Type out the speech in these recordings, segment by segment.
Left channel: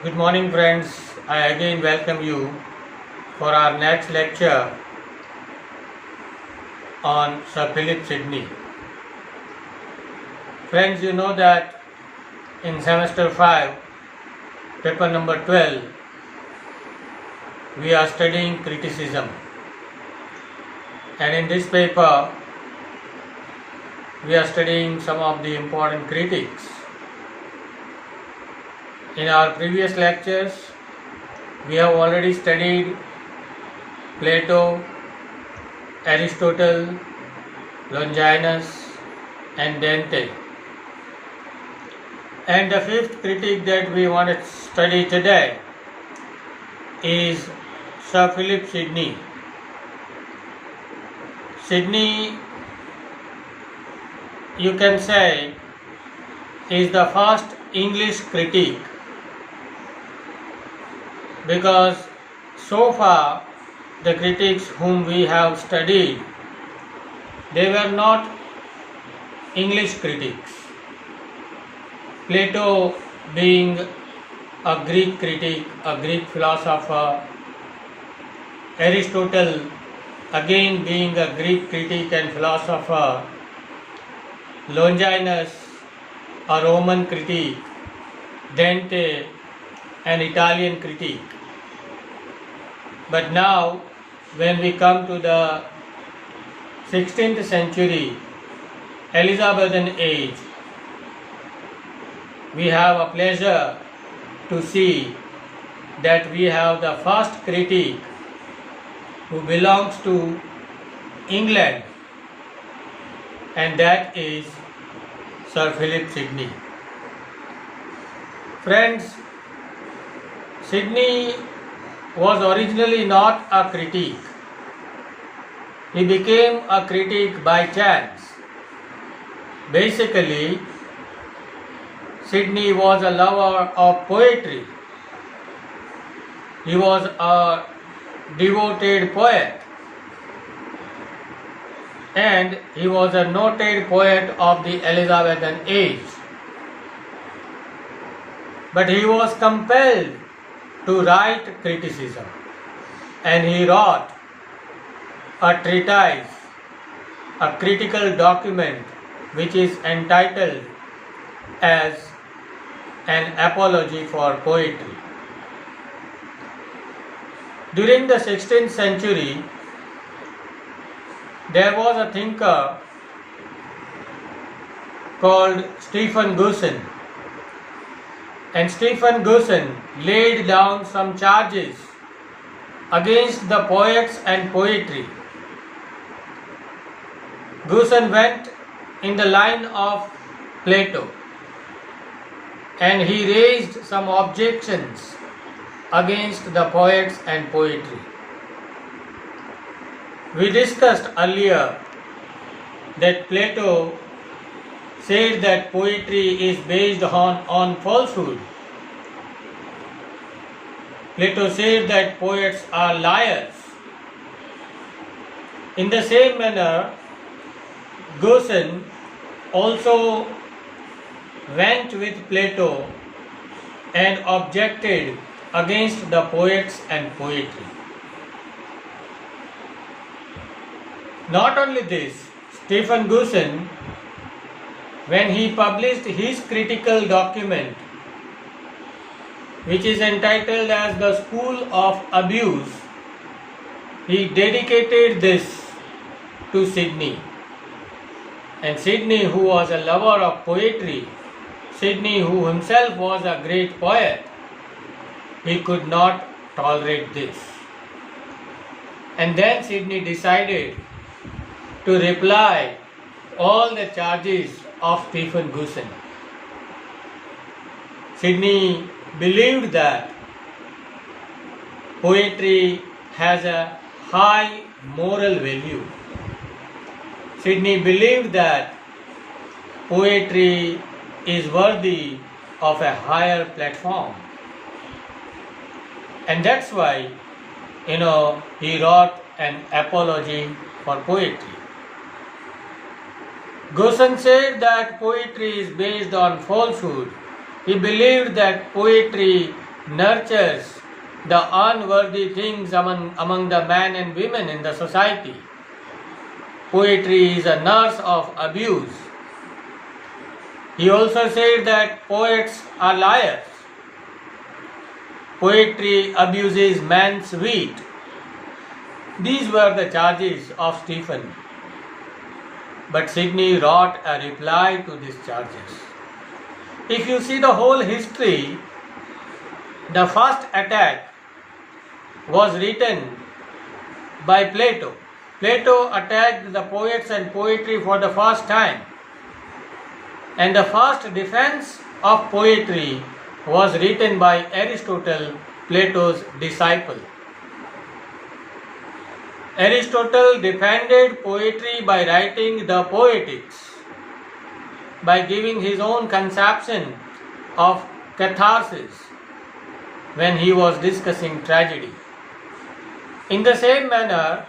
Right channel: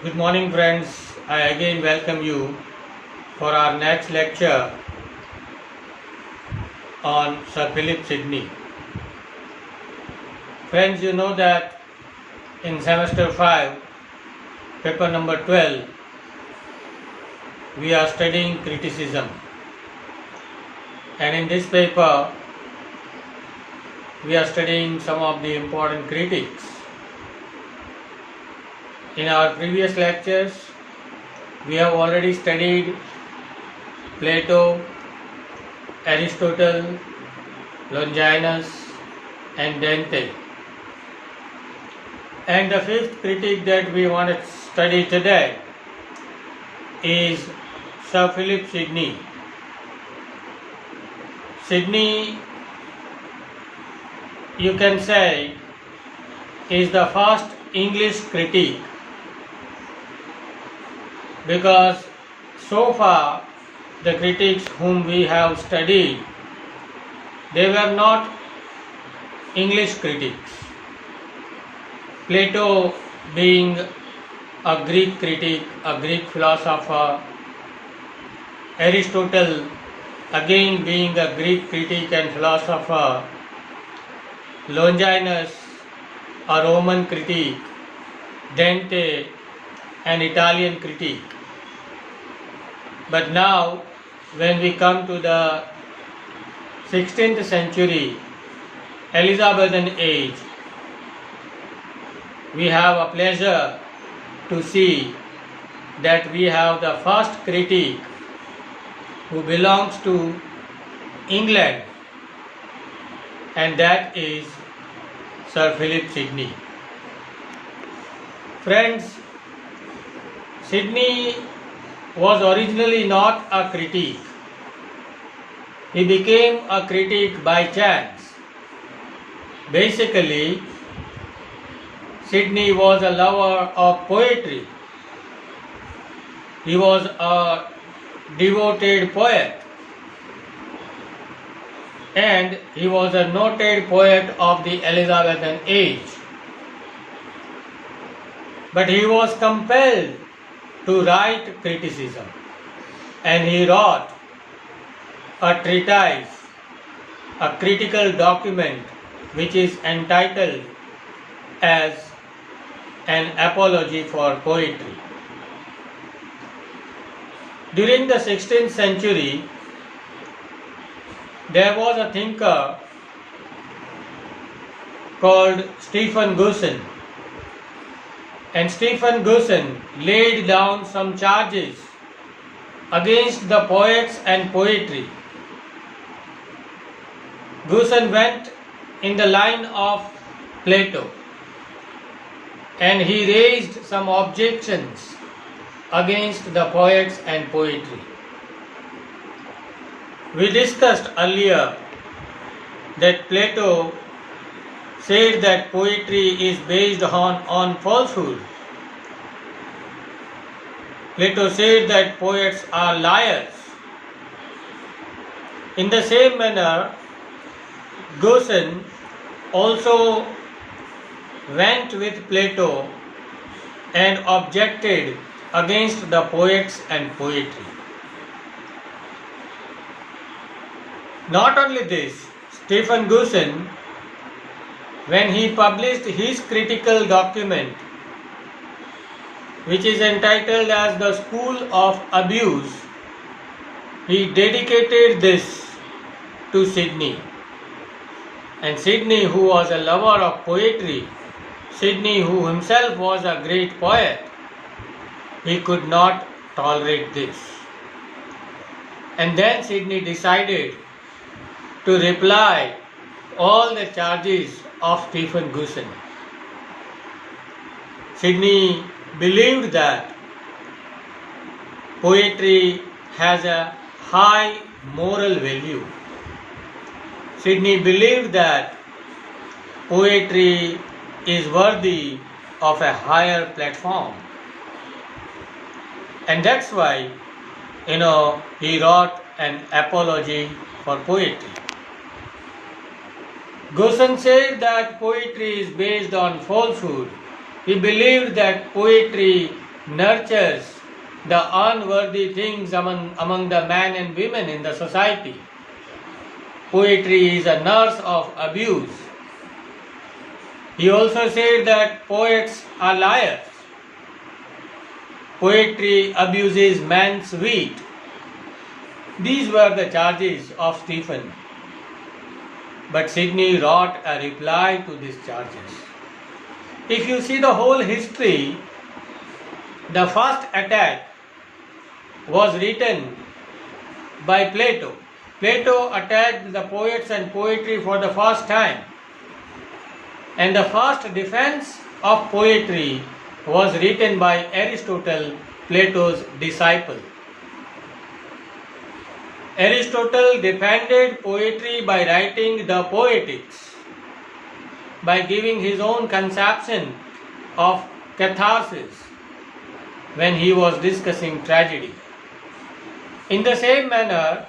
Good morning, friends. I again welcome you for our next lecture on Sir Philip Sidney. Friends, you know that in semester 5, paper number 12, we are studying criticism. And in this paper, we are studying some of the important critics. In our previous lectures, we have already studied Plato, Aristotle, Longinus, and Dante. And the fifth critic that we want to study today is Sir Philip Sidney. Sidney, you can say, is the first English critic, because so far the critics whom we have studied, they were not English critics. Plato being a Greek critic, a Greek philosopher, Aristotle again being a Greek critic and philosopher, Longinus a Roman critic, Dante an Italian critic. But now when we come to the 16th century, Elizabethan age, we have a pleasure to see that we have the first critic who belongs to England, and that is Sir Philip Sidney. Friends, Sidney was originally not a critic. He became a critic by chance. Basically, Sidney was a lover of poetry. He was a devoted poet, and he was a noted poet of the Elizabethan age. But he was compelled to write criticism, and he wrote a treatise, a critical document which is entitled as an apology for poetry. During the 16th century, there was a thinker called Stephen Guson, and Stephen Guson laid down some charges against the poets and poetry. Guson went in the line of Plato, and he raised some objections against the poets and poetry. We discussed earlier that Plato said that poetry is based on falsehood. Plato said that poets are liars. In the same manner, Guson also went with Plato and objected against the poets and poetry. Not only this, Stephen Guson, when he published his critical document, which is entitled as the School of Abuse, he dedicated this to Sidney. And Sidney, who was a lover of poetry, Sidney, who himself was a great poet, he could not tolerate this. And then Sidney decided to reply all the charges of Stephen Guson. Sidney believed that poetry has a high moral value. Sidney believed that poetry is worthy of a higher platform. And that's why, he wrote an apology for poetry. Guson said that poetry is based on falsehood. He believed that poetry nurtures the unworthy things among the men and women in the society. Poetry is a nurse of abuse. He also said that poets are liars. Poetry abuses man's wit. These were the charges of Stephen. But Sidney wrote a reply to these charges. If you see the whole history, the first attack was written by Plato. Plato attacked the poets and poetry for the first time. And the first defense of poetry was written by Aristotle, Plato's disciple. Aristotle defended poetry by writing the Poetics, by giving his own conception of catharsis when he was discussing tragedy. In the same manner,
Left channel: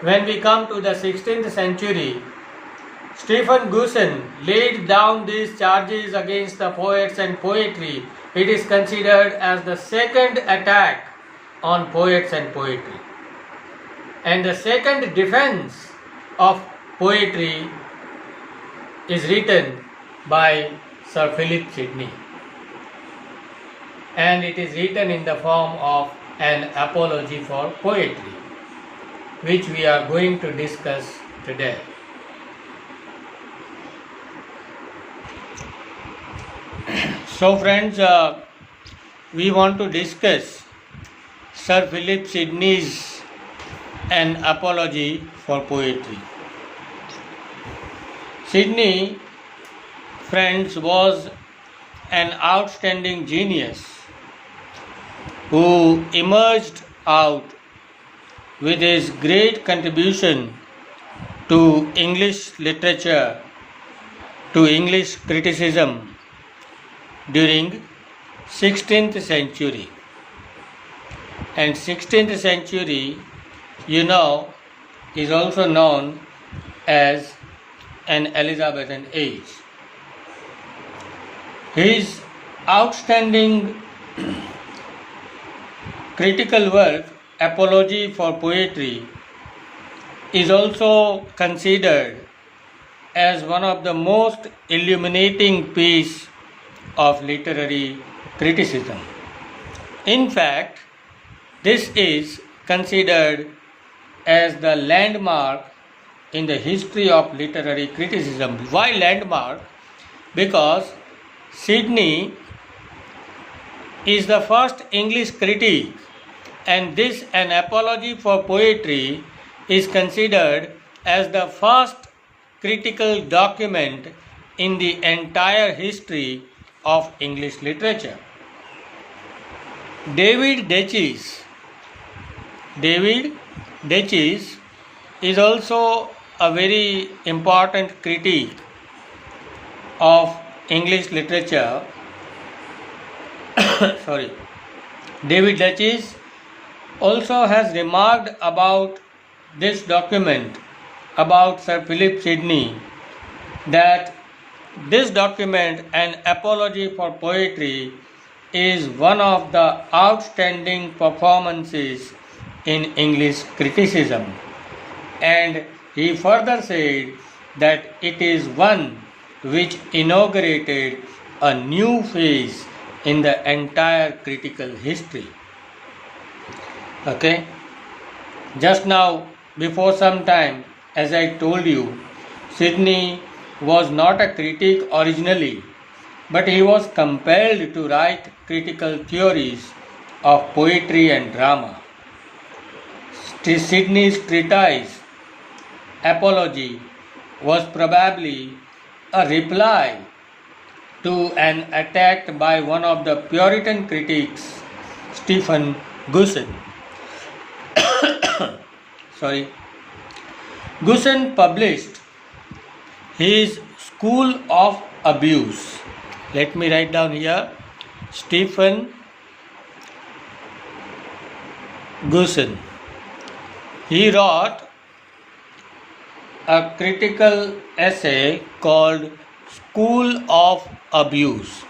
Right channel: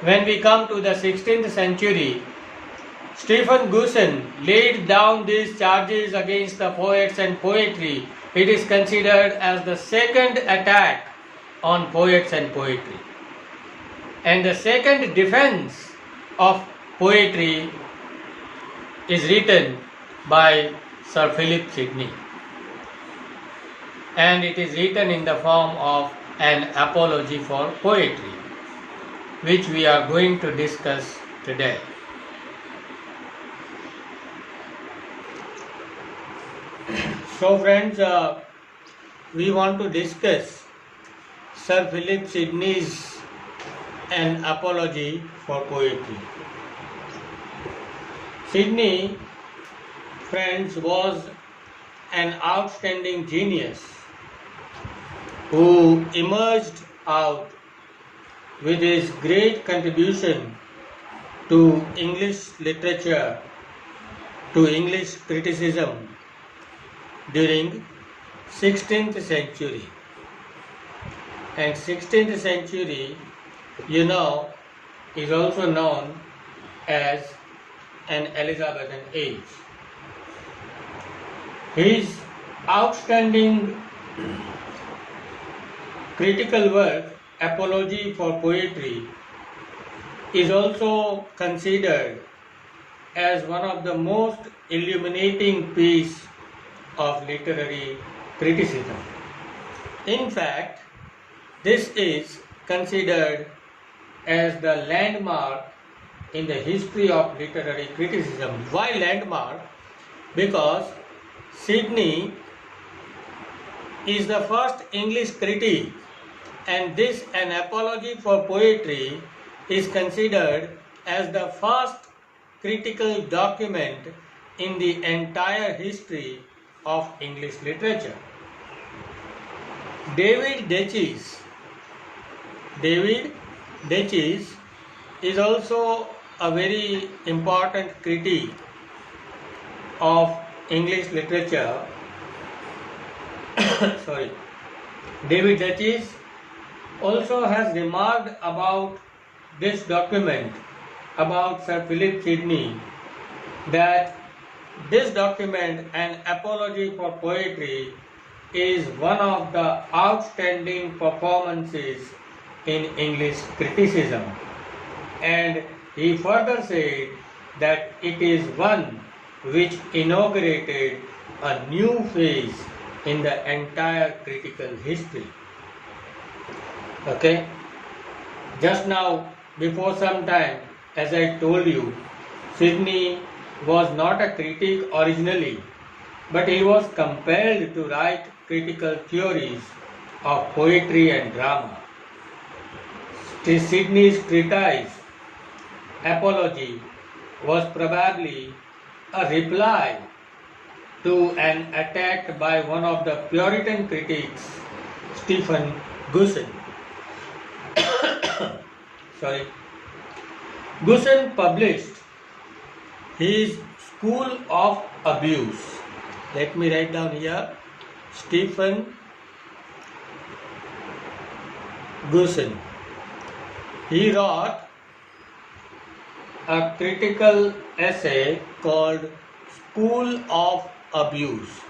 when we come to the 16th century, Stephen Gusen laid down these charges against the poets and poetry. It is considered as the second attack on poets and poetry. And the second defense of poetry is written by Sir Philip Sidney. And it is written in the form of an apology for poetry, which we are going to discuss today. So friends, we want to discuss Sir Philip Sidney's An Apology for Poetry. Sidney, friends, was an outstanding genius who emerged out with his great contribution to English literature, to English criticism during 16th century. And 16th century, you know, is also known as an Elizabethan age. His outstanding critical work, Apology for Poetry, is also considered as one of the most illuminating piece of literary criticism. In fact, this is considered as the landmark in the history of literary criticism. Why landmark? Because Sidney is the first English critic, and this An Apology for Poetry is considered as the first critical document in the entire history of English literature. David Deutsch is also a very important critic of English literature. Sorry. David Deutsch also has remarked about this document, about Sir Philip Sidney, that this document, An Apology for Poetry, is one of the outstanding performances in English criticism. And he further said that it is one which inaugurated a new phase in the entire critical history. Okay? Just now, before some time, as I told you, Sidney was not a critic originally, but he was compelled to write critical theories of poetry and drama. Sidney's treatise, Apology, was probably a reply to an attack by one of the Puritan critics, Stephen Gusen. Gusen published his School of Abuse. Let me write down here, Stephen Gusen. He wrote a critical essay called School of Abuse.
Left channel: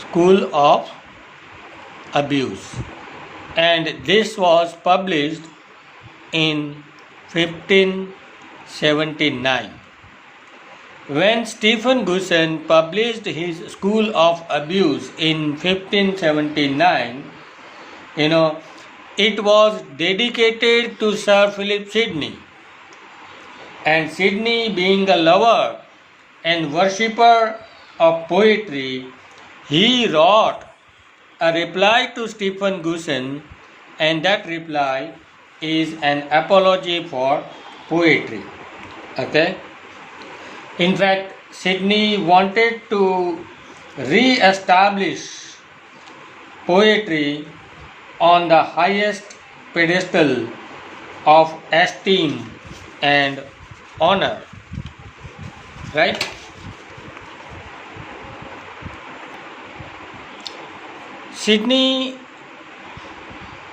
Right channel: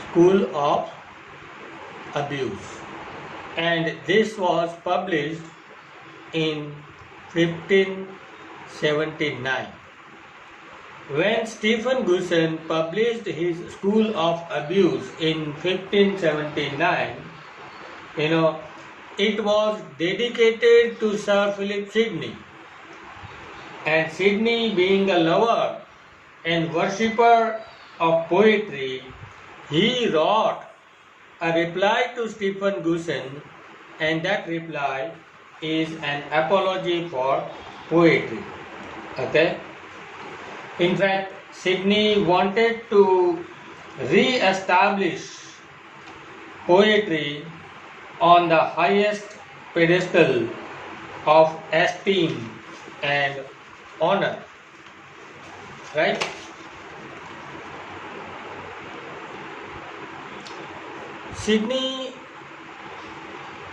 School of Abuse, and this was published in 1579. When Stephen Gusen published his School of Abuse in 1579, it was dedicated to Sir Philip Sidney. And Sidney, being a lover and worshipper of poetry, he wrote a reply to Stephen Gusen, and that reply is an apology for poetry. Okay? In fact, Sidney wanted to re-establish poetry on the highest pedestal of esteem and honor. Right? Sidney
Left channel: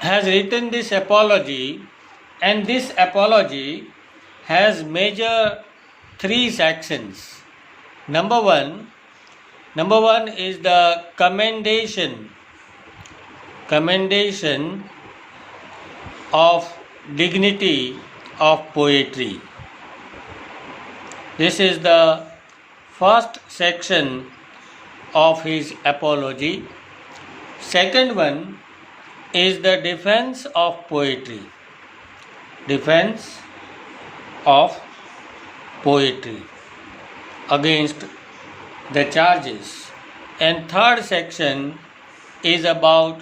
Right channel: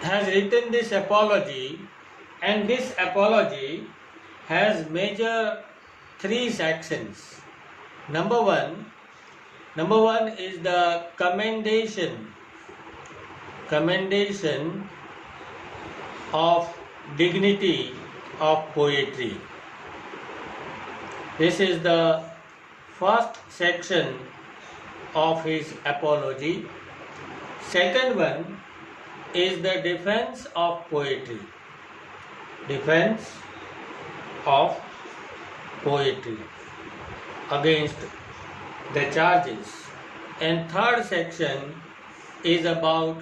has written this apology, and this apology has major three sections. Number one is the commendation of dignity of poetry. This is the first section of his apology. Second one is the defense of poetry. Defense of poetry against the charges. And third section is about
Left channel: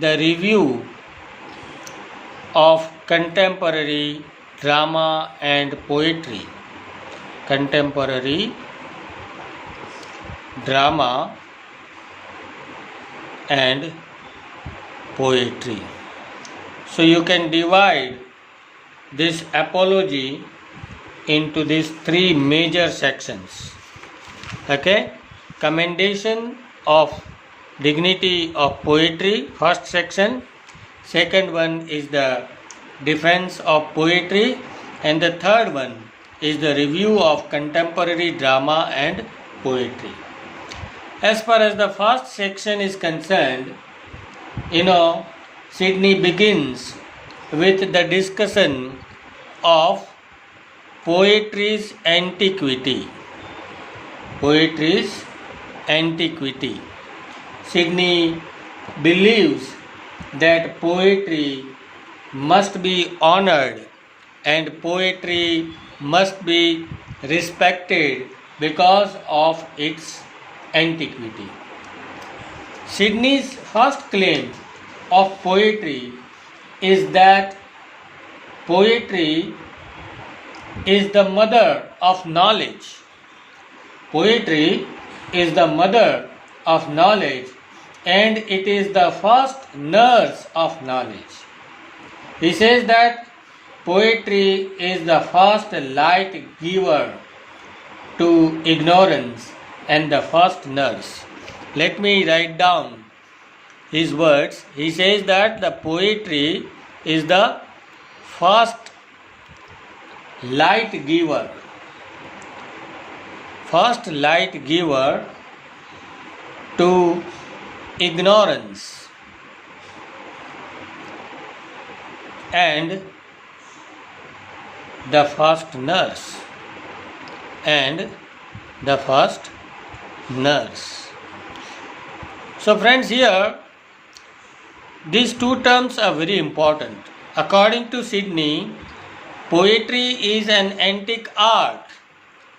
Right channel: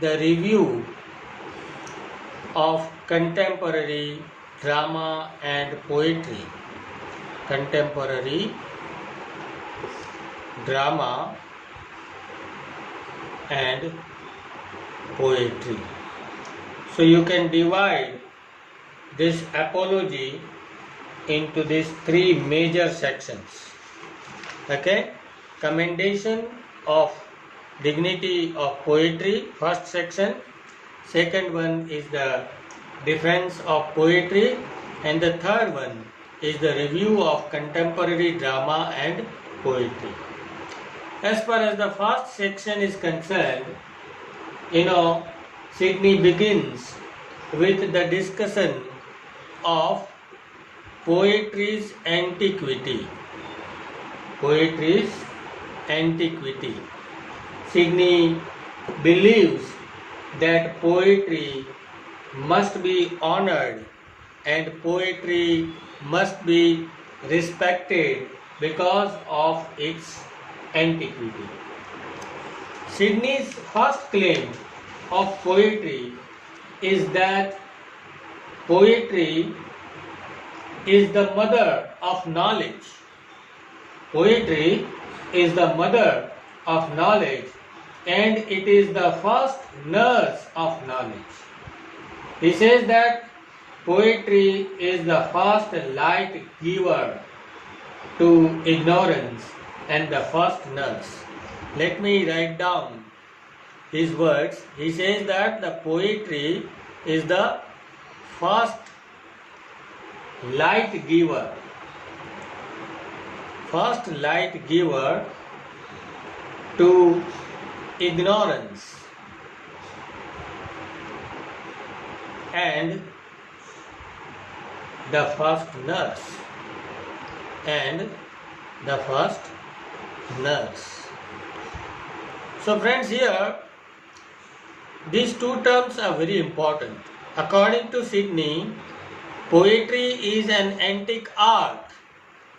the review of contemporary drama and poetry. Contemporary drama and poetry. So you can divide this apology into these three major sections. Okay? Commendation of dignity of poetry, first section. Second one is the defense of poetry, and the third one is the review of contemporary drama and poetry. As far as the first section is concerned, Sidney begins with the discussion of poetry's antiquity. Poetry's antiquity. Sidney believes that poetry must be honored and poetry must be respected because of its antiquity. Sidney's first claim of poetry is that poetry is the mother of knowledge. Poetry is the mother of knowledge, and it is the first nurse of knowledge. He says that poetry is the first light giver to ignorance and the first nurse. Let me write down his words. He says that the poetry is the first light giver. First light giver to ignorance and the first nurse. And the first nurse. So friends, here these two terms are very important. According to Sidney, poetry is an antique art.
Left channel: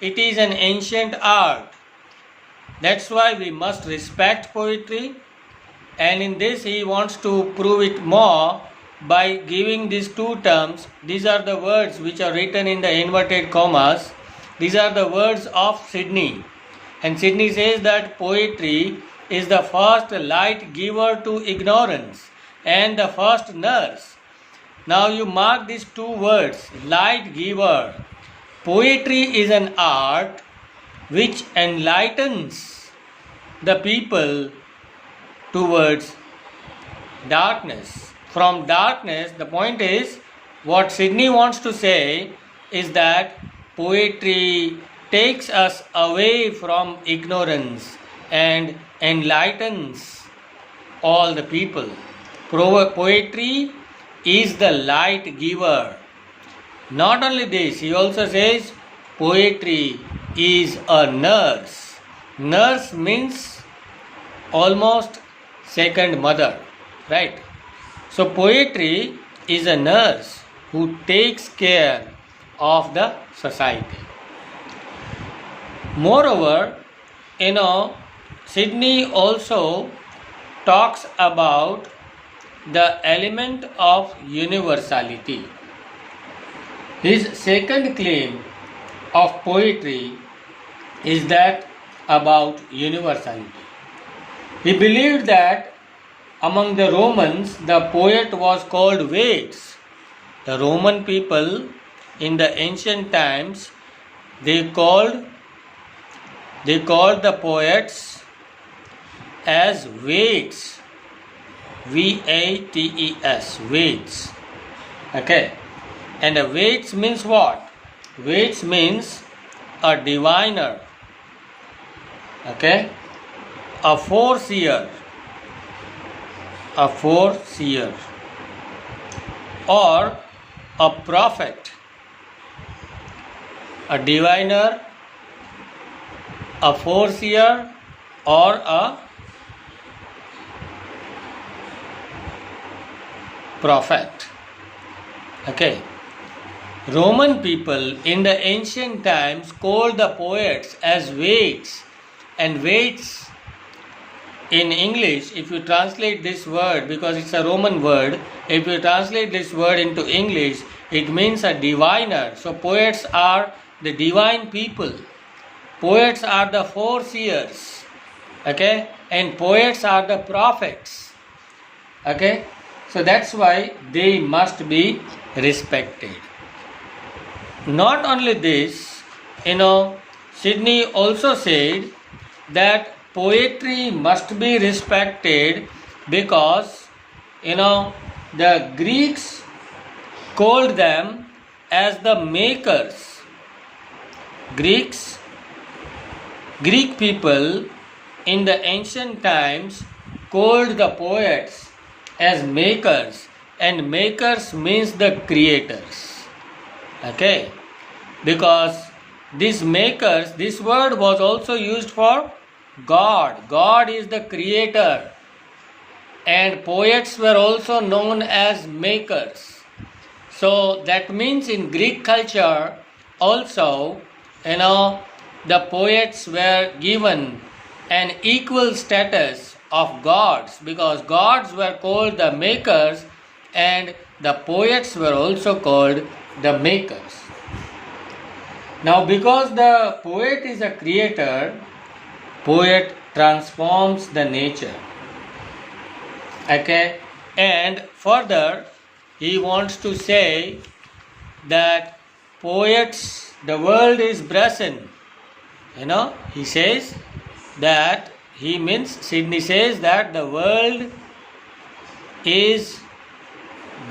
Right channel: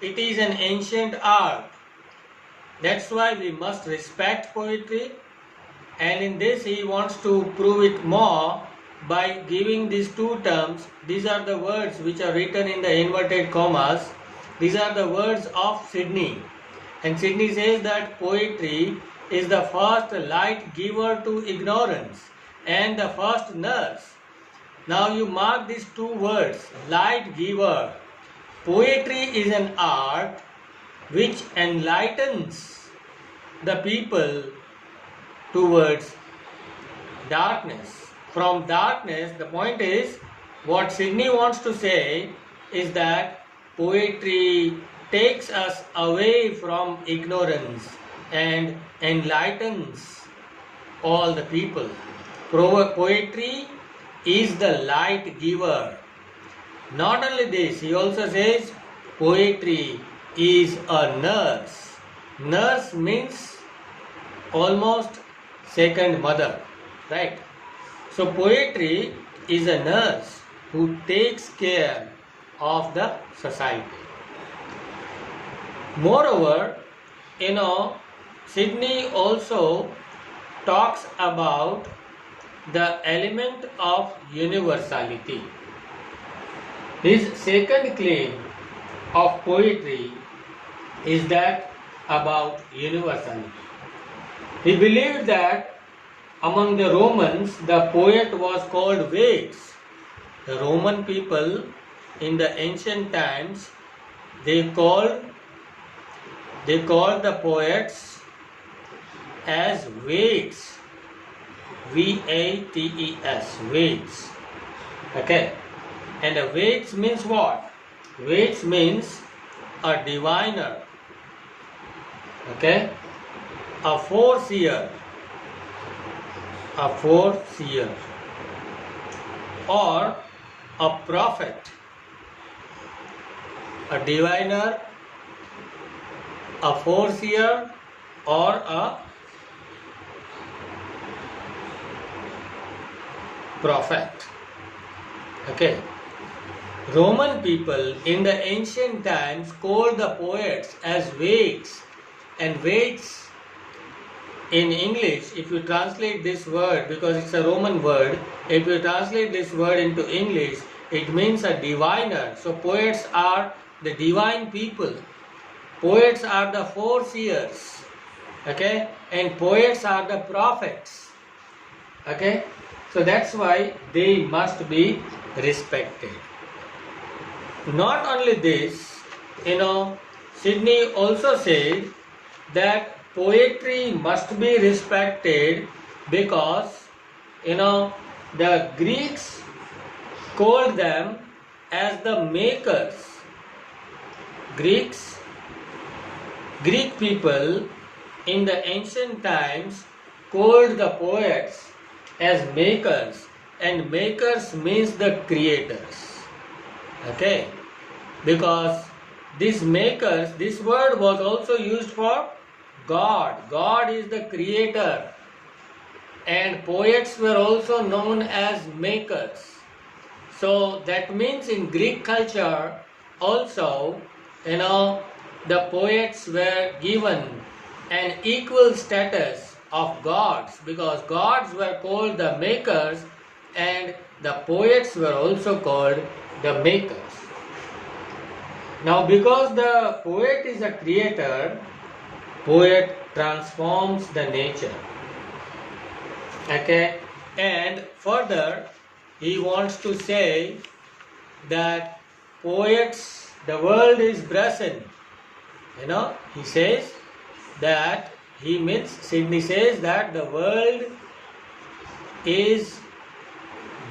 It is an ancient art. That's why we must respect poetry, and in this he wants to prove it more by giving these two terms. These are the words which are written in the inverted commas. These are the words of Sidney. And Sidney says that poetry is the first light giver to ignorance and the first nurse. Now you mark these two words, light giver. Poetry is an art which enlightens the people towards darkness. From darkness, the point is, what Sidney wants to say is that poetry takes us away from ignorance and enlightens all the people. Poetry is the light giver. Not only this, he also says poetry is a nurse. Nurse means almost second mother, right? So poetry is a nurse who takes care of the society. Moreover, Sidney also talks about the element of universality. His second claim of poetry is that about universality. He believed that among the Romans, the poet was called Vates. The Roman people in the ancient times, they called the poets as Vates. Vates, Vates. Okay. And a Vates means what? Vates means a diviner. Okay. A foreseer. Or a prophet. A diviner, a foreseer, or a prophet. Okay. Roman people in the ancient times called the poets as Vates, and Vates in English, if you translate this word, because it's a Roman word, if you translate this word into English, it means a diviner. So poets are the divine people. Poets are the foreseers. Okay? And poets are the prophets. Okay? So that's why they must be respected. Not only this, Sidney also said that poetry must be respected because, the Greeks called them as the makers. Greek people in the ancient times called the poets as makers, and makers means the creators. Okay, because these makers, this word was also used for God. God is the creator, and poets were also known as makers. So that means in Greek culture also, the poets were given an equal status of gods, because gods were called the makers and the poets were also called the makers. Now, because the poet is a creator, poet transforms the nature. Okay, and further he wants to say that poets, the world is brazen. He says that, Sidney says that the world is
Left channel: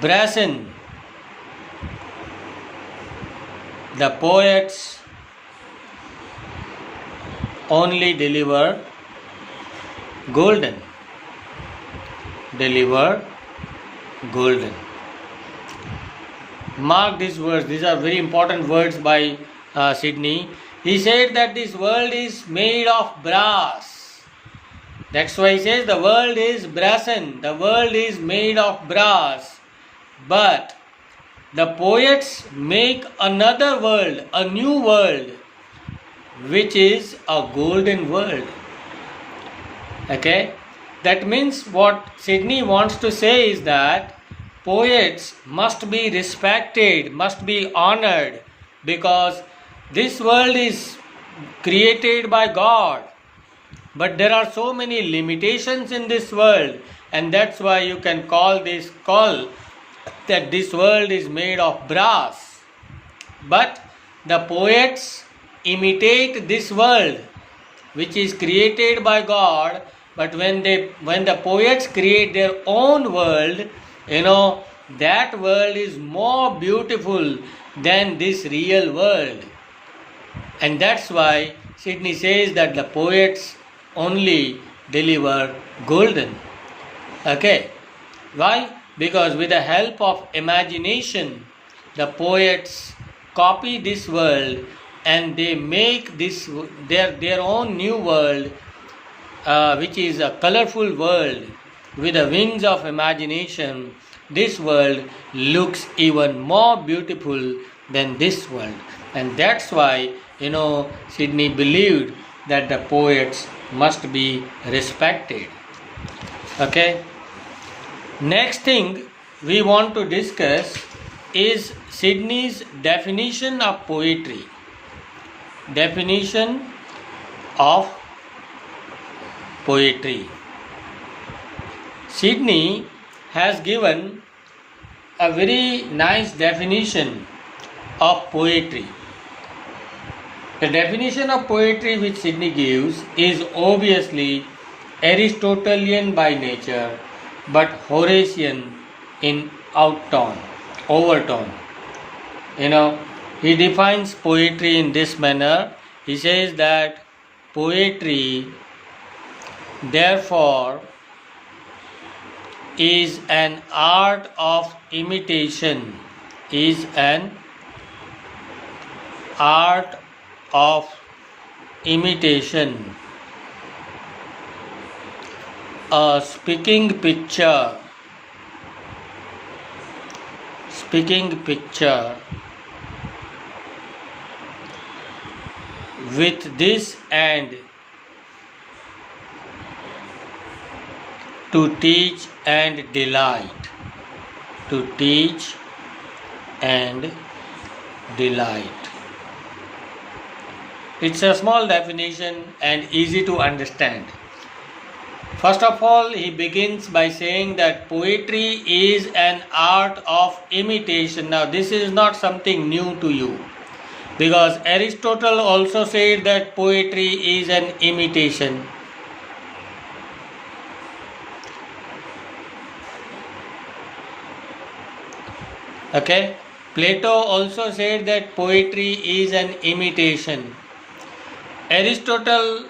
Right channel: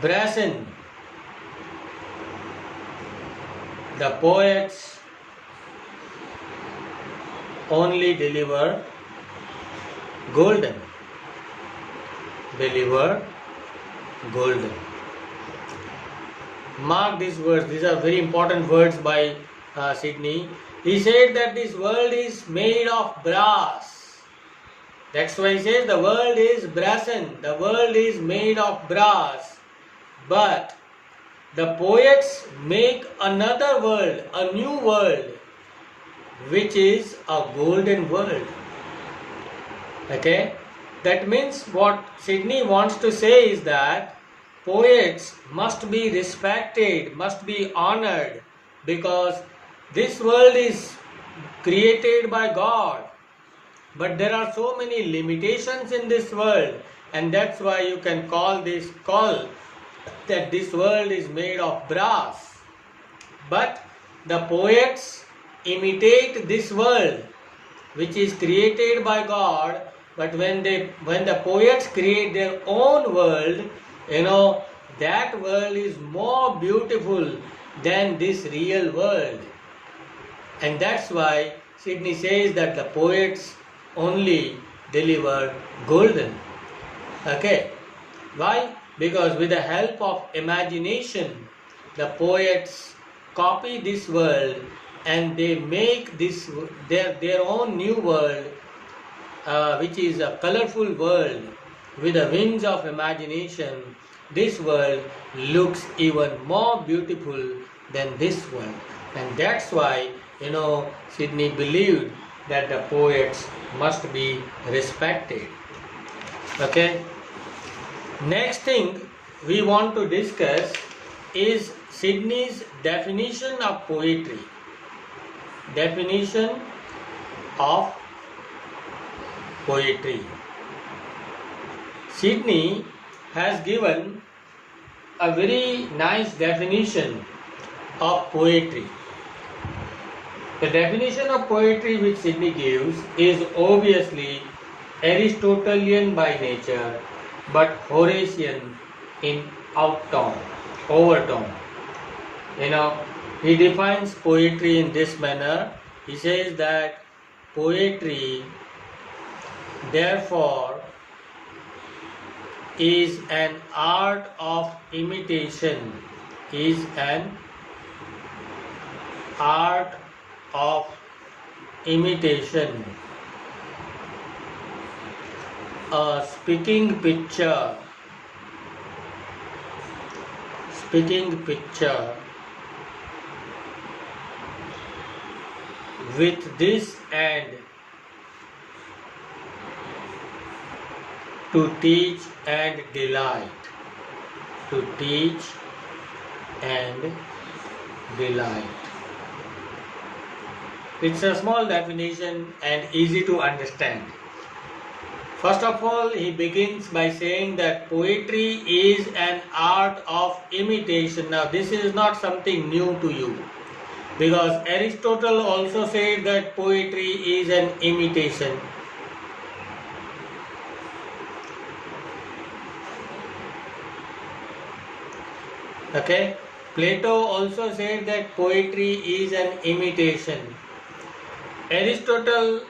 brazen. The poets only deliver golden. Mark these words. These are very important words by Sidney. He said that this world is made of brass. That's why he says the world is brazen. The world is made of brass. But the poets make another world, a new world, which is a golden world. Okay? That means what Sidney wants to say is that poets must be respected, must be honored, because this world is created by God. But there are so many limitations in this world, and that's why you can call that this world is made of brass. But the poets imitate this world, which is created by God. But when the poets create their own world, that world is more beautiful than this real world. And that's why Sidney says that the poets only deliver golden. Okay, why? Because with the help of imagination, the poets copy this world and they make this their own new world, which is a colorful world with the wings of imagination. This world looks even more beautiful than this world, and that's why Sydney believed that the poets must be respected. Okay. Next thing we want to discuss is Sydney's definition of poetry. Definition of poetry. Sydney has given a very nice definition of poetry. The definition of poetry which Sydney gives is obviously Aristotelian by nature but Horatian in overtone. He defines poetry in this manner. He says that poetry therefore is an art of imitation, is an art of imitation, a speaking picture with this end to teach and delight. To teach and delight. It's a small definition and easy to understand. First of all, he begins by saying that poetry is an art of imitation. Now, this is not something new to you, because Aristotle also said that poetry is an imitation. Okay, Plato also said that poetry is an imitation. Aristotle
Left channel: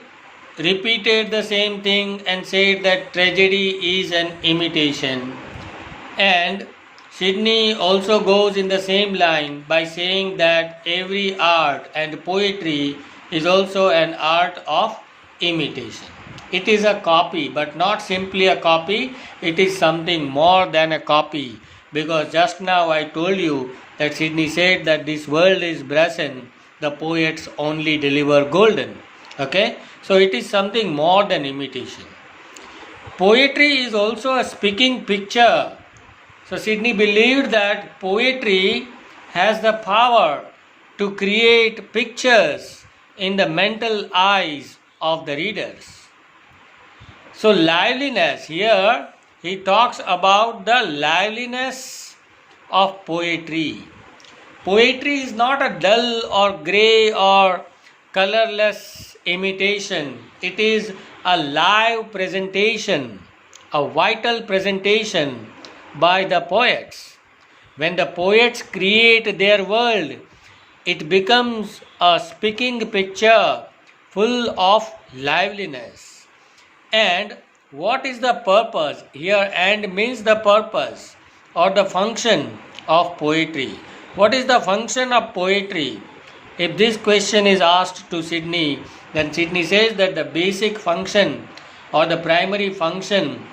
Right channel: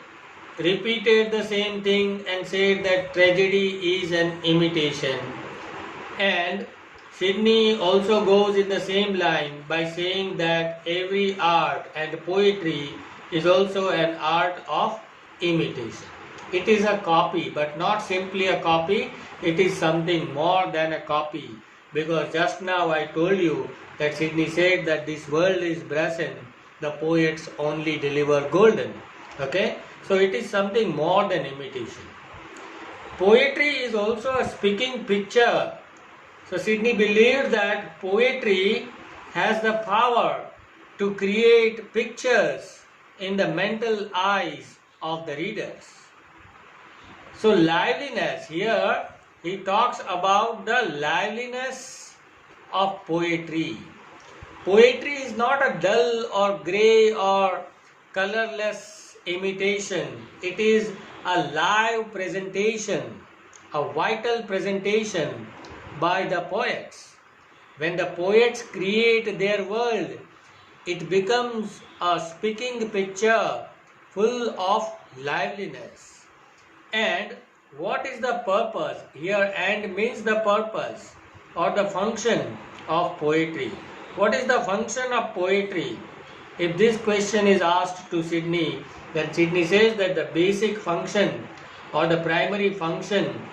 repeated the same thing and said that tragedy is an imitation. And Sydney also goes in the same line by saying that every art and poetry is also an art of imitation. It is a copy, but not simply a copy, it is something more than a copy. Because just now I told you that Sydney said that this world is brazen, the poets only deliver golden. Okay? So it is something more than imitation. Poetry is also a speaking picture. So Sydney believed that poetry has the power to create pictures in the mental eyes of the readers. So liveliness, here he talks about the liveliness of poetry. Poetry is not a dull or grey or colorless imitation. It is a live presentation, a vital presentation by the poets. When the poets create their world, it becomes a speaking picture full of liveliness. And what is the purpose? Here, and means the purpose or the function of poetry. What is the function of poetry? If this question is asked to Sydney, then Sydney says that the basic function or the primary function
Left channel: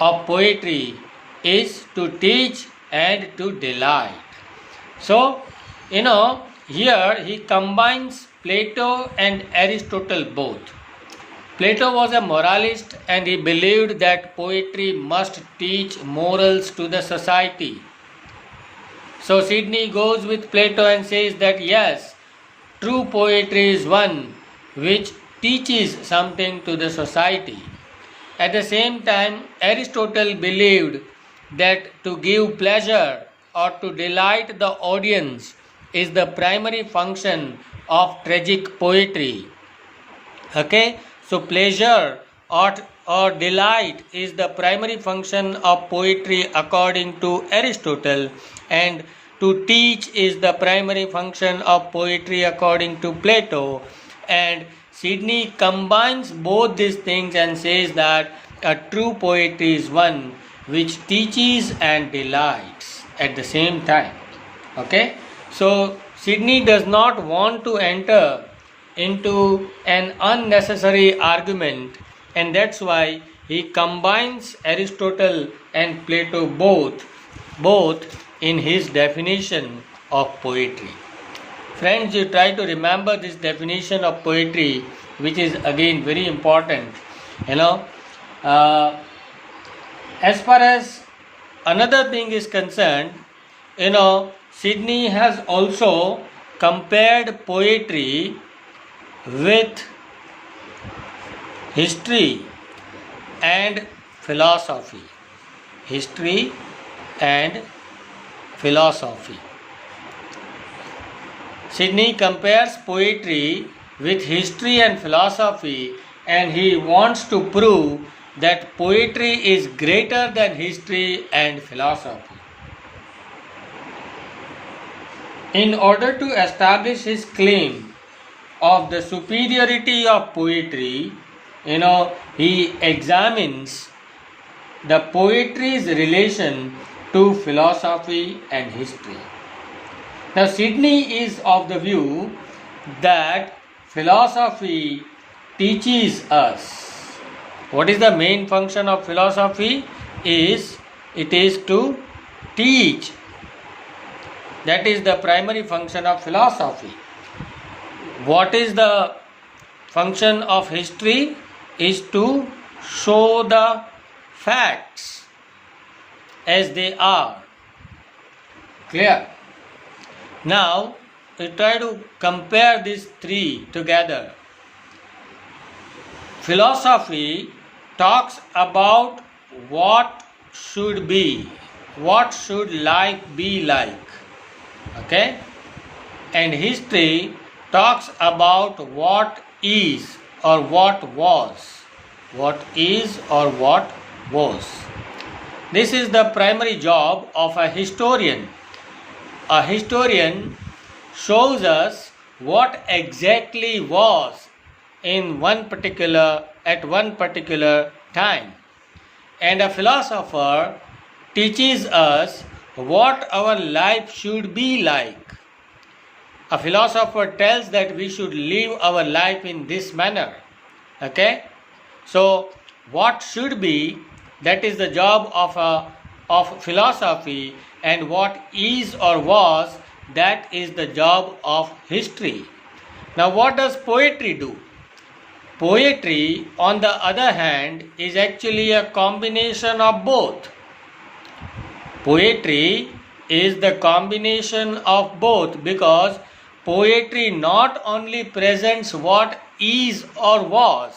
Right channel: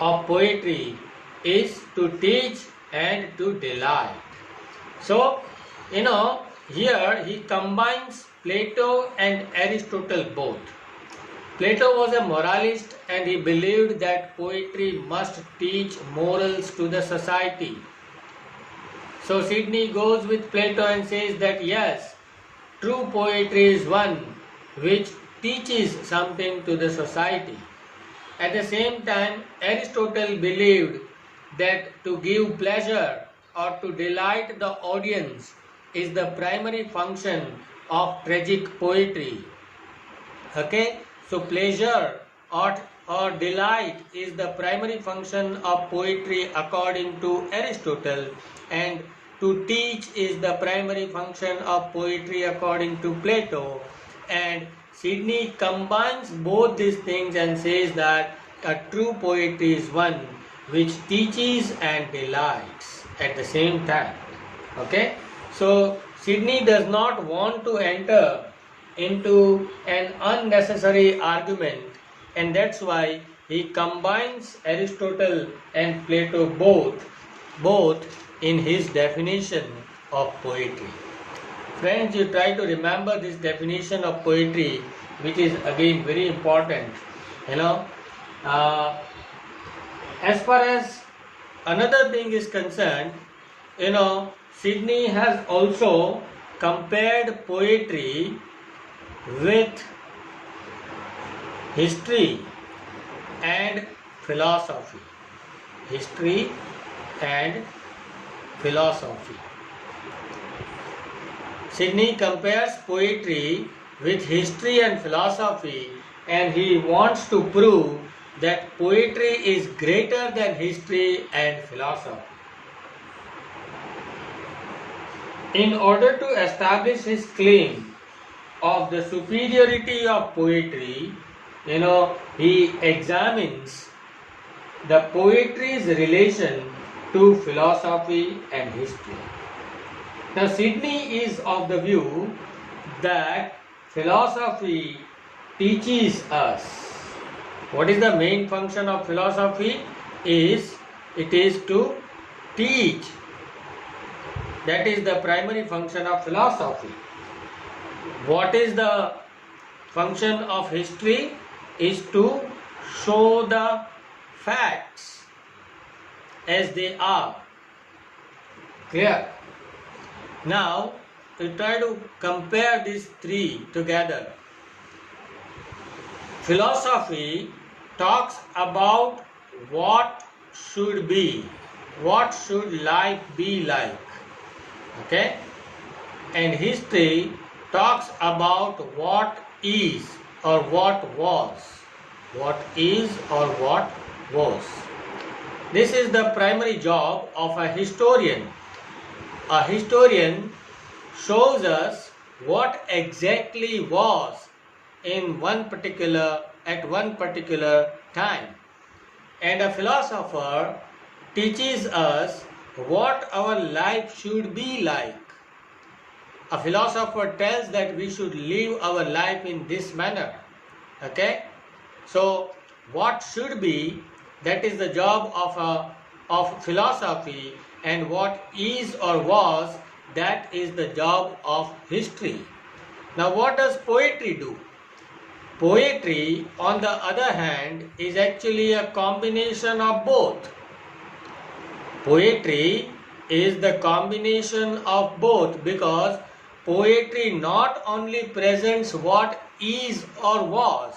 of poetry is to teach and to delight. So, here he combines Plato and Aristotle both. Plato was a moralist and he believed that poetry must teach morals to the society. So Sydney goes with Plato and says that yes, true poetry is one which teaches something to the society. At the same time, Aristotle believed that to give pleasure or to delight the audience is the primary function of tragic poetry. Okay? So pleasure or delight is the primary function of poetry according to Aristotle, and to teach is the primary function of poetry according to Plato. And Sydney combines both these things and says that a true poetry is one which teaches and delights at the same time. Okay, so Sidney does not want to enter into an unnecessary argument, and that's why he combines Aristotle and Plato both in his definition of poetry. Friends, you try to remember this definition of poetry, which is again very important. As far as another thing is concerned, Sidney has also compared poetry with history and philosophy. History and philosophy. Sidney compares poetry with history and philosophy, and he wants to prove that poetry is greater than history and philosophy. In order to establish his claim of the superiority of poetry, he examines the poetry's relation to philosophy and history. Now, Sidney is of the view that philosophy teaches us. What is the main function of philosophy? It is to teach. That is the primary function of philosophy. What is the function of history? Is to show the facts as they are. Clear? Now, we try to compare these three together. Philosophy talks about what should be, what should life be like. Okay? And history talks about what is or what was. What is or what was. This is the primary job of a historian. A historian shows us what exactly was at one particular time. And a philosopher teaches us what our life should be like. A philosopher tells that we should live our life in this manner. Okay? So, what should be, that is the job of philosophy, and what is or was, that is the job of history. Now, what does poetry do? Poetry, on the other hand, is actually a combination of both. Poetry is the combination of both, because poetry not only presents what is or was.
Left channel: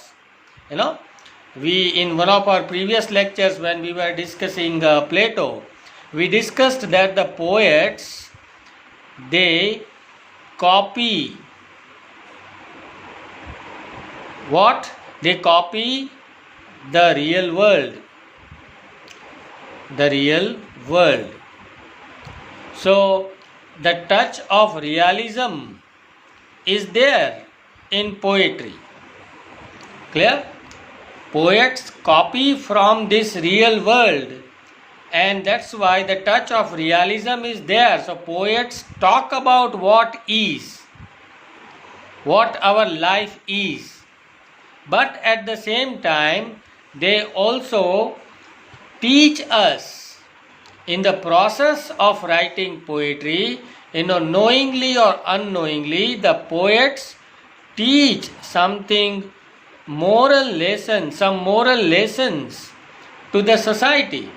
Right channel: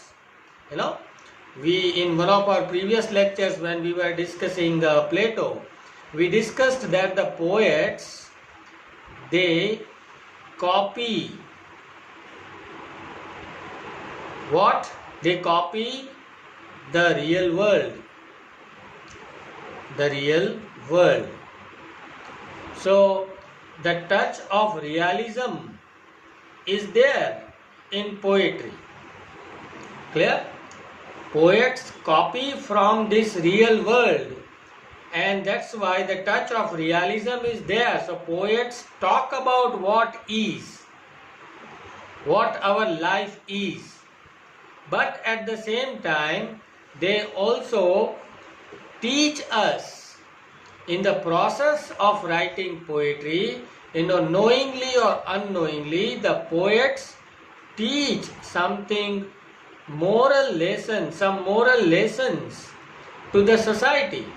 We, in one of our previous lectures when we were discussing Plato, we discussed that the poets, they copy what? They copy the real world. The real world. So, the touch of realism is there in poetry. Clear? Poets copy from this real world, and that's why the touch of realism is there. So poets talk about what is, what our life is, but at the same time they also teach us. In the process of writing poetry, knowingly or unknowingly, the poets teach something, some moral lessons to the society.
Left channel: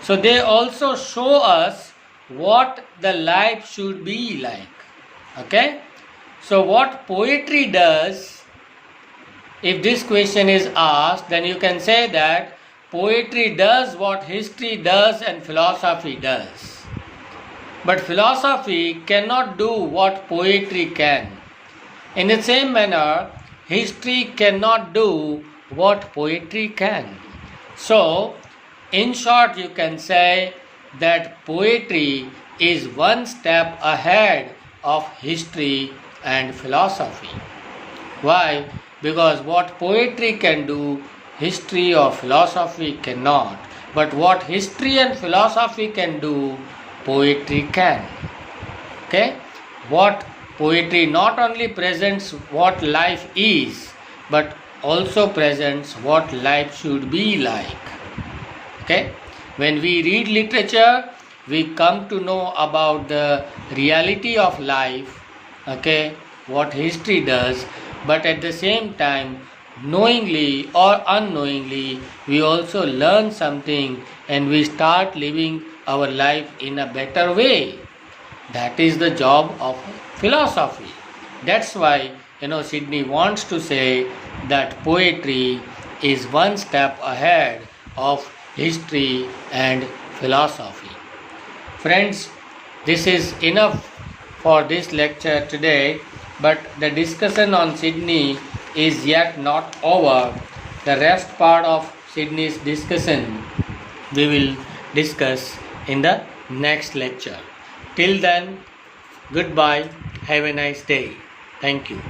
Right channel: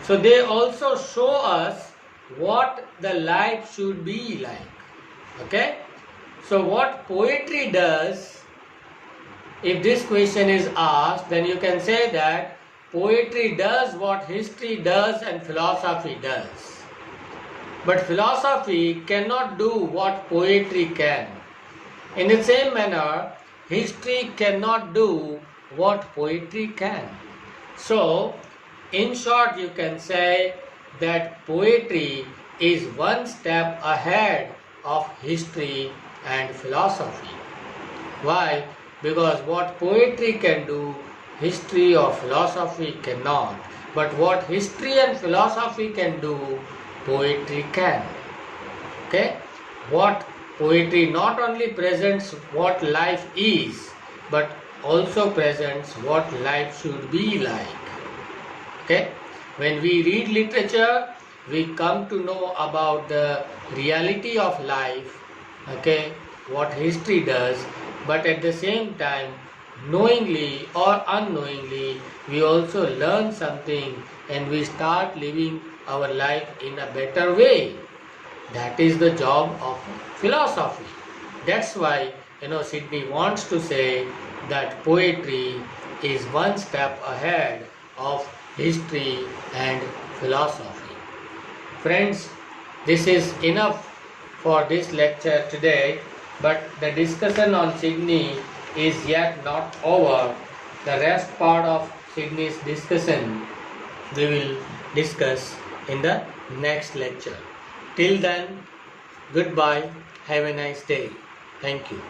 So they also show us what the life should be like. Okay? So what poetry does, if this question is asked, then you can say that poetry does what history does and philosophy does. But philosophy cannot do what poetry can. In the same manner, history cannot do what poetry can. So, in short, you can say that poetry is one step ahead of history and philosophy. Why? Because what poetry can do, history or philosophy cannot. But what history and philosophy can do, poetry can. Okay? What poetry not only presents what life is, but also presents what life should be like. Okay? When we read literature, we come to know about the reality of life, okay, what history does, but at the same time, knowingly or unknowingly, we also learn something and we start living our life in a better way. That is the job of philosophy. That's why, Sydney wants to say that poetry is one step ahead of history and philosophy. Friends, this is enough for this lecture today, but the discussion on Sydney is yet not over. The rest part of Sydney's discussion we will discuss in the next lecture. Till then, goodbye. Have a nice day. Thank you.